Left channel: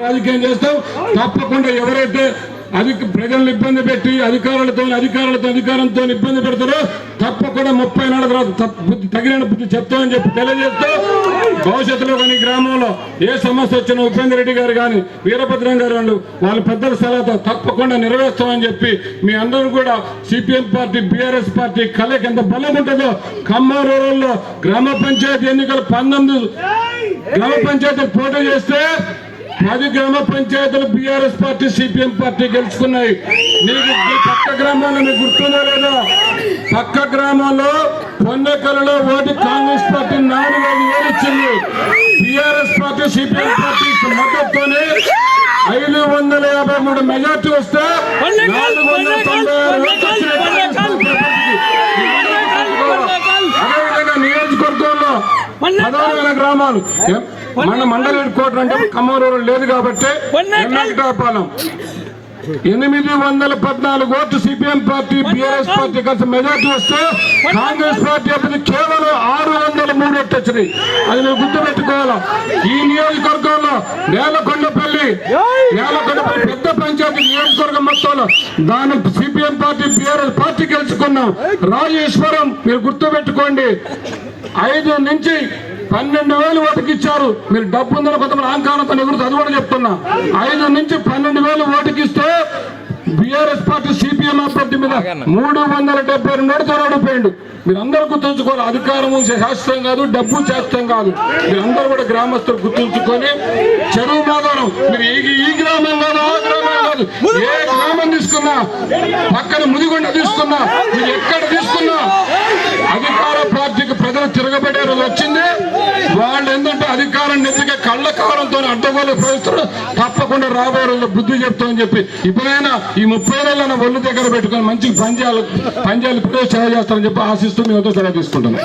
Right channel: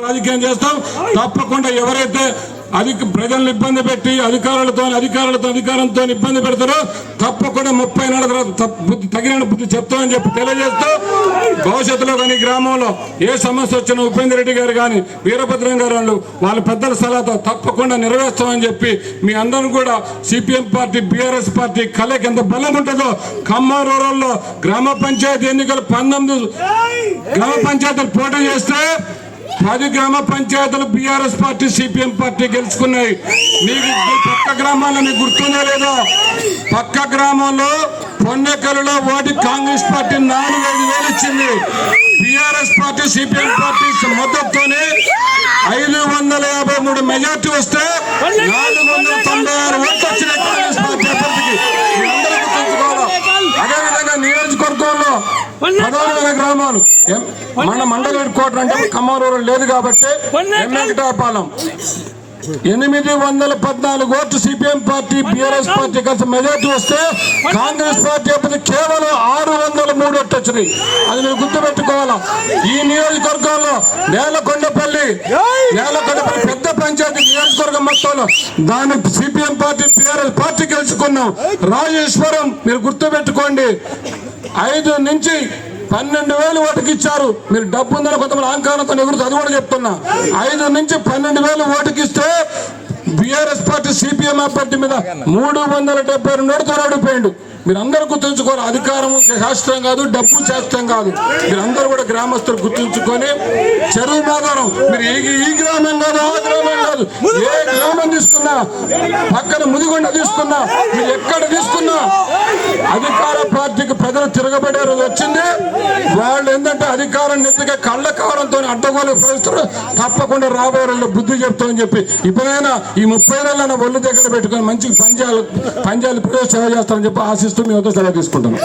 రాజకీయం చేస్తాం. తప్పకుండా ఎవరైతే ప్రజలను ఇబ్బంది పెట్టి అధికారంతో ఇబ్బంది పెడతారో తప్పకుండా 30 నాడు తగిన బుద్ధి చెప్తామని చెప్పి తెలియజేస్తూ భవిష్యత్తులో కానీ గ్రామంలో ఏ సమస్య వచ్చినా ఉపేంద్ర రెడ్డి గారు కానీ వీరభద్రం గారు వాళ్ళ పెద్దల సలహాతో తప్పకుండా నెరవేర్స్తామని చెప్పి మీ అందరూ కూడా సిపిఎం పార్టీ బీఆర్ఎస్ పార్టీ కలకి ఎంత బలం ఉంటుందో ఖమ్మం రూరల్లో గ్రామ పంచాయతీ ఎన్నికలు 19 గ్రామ పంచాయతీలు పోటీ చేస్తే 10 గ్రామ పంచాయతీలు బీఆర్ఎస్ పార్టీ సిపిఎం పార్టీ గెలుచుకున్నాయి. మీకు పక్క గ్రామాల్లో మీకు గుర్తుందో లేదో, పక్క గ్రామంలో పొన్నెకల్లో ఓటు కాంగ్రెస్ పార్టీ 4-5 ఇచ్చింది. బీఆర్ఎస్ పార్టీ సిపిఎం పార్టీ మద్దతుతోనే 553 మెజార్టీ వస్తే 496 ఓట్లు వచ్చినాయి కాంగ్రెస్ పార్టీ అభ్యర్థికి. అదేవిధంగా నియోజకవర్గంలో 16,000 గ్రామాలు మన మండల హెడ్ క్వార్టర్ అంటే ఖమ్మం రూరల్ లేదు కాబట్టి వెంకటాపాలెం 814 ఓట్లు సిపిఎం పార్టీ బీఆర్ఎస్ పార్టీ కలిసి మెజార్టీ వస్తే కాంగ్రెస్ పార్టీ అప్పుడు కేవలం 603 ఓట్లు వచ్చినాయి. అది మీరు గుర్తుపెట్టుకోవాలా. ఈ నియోజకవర్గంలో నేలకొండపల్లి పెద్ద పంచాయతీ నియోజకవర్గం మొత్తంలో దాన్ని సిపిఎం పార్టీ బీఆర్ఎస్ పార్టీ గెలుచుకున్నాం. రాజేశ్వరం మీరు గుర్తుపెట్టుకోండి, 5 నుంచి 12,000 ఓటుకి ఇచ్చారు. మీరు డబ్బు ఉందని కొంతమంది అహంకారంతో ఎగురుతూ అది కూడా చెప్తున్నా. 5 నుంచి 12,000 ఓటుకి ఇస్తే బీఆర్ఎస్ పార్టీ సిపిఎం పార్టీ మీద 372 ఓటుతో ఓడిపోయిండు. మీరు అందరూ గుర్తుంచుకోవాలి, అధికారము శాస్త్రం కాదు, డబ్బు శాస్త్రం కాదు. మీరందరూ కూడా గ్రామస్తులు గుర్తుంచుకొని చెరువు మాదారం మీరు ఈ గ్రామం కాదు ఆ గ్రామం కాదు, ఏ గ్రామం తీసుకున్నా, పక్కన ముదిగొండ తీసుకున్నా, మీరు ఎక్కడ తీసుకున్నా అధికార పార్టీకి ప్రజలు తిరగబడే రోజు వచ్చింది. వాళ్ళు ఏంటంటే అధికారం నెత్తిగా కళ్ళ కావడంతో అడ్డగోలు ప్రవేశిస్తారు. తప్పకుండా రాబోయే రోజుల్లో బుద్ధి చెప్తామని చెప్పి ఇప్పుడైనా ఈ 30 నెలల ఒళ్ళు దగ్గర పెట్టుకొని మంచిగా పనిచేయాలి ప్రదేశ్ సేవ చేస్తామని చెప్పి ఆశిస్తూ మీ వద్ద సెలవు తీసుకుంటున్నాం.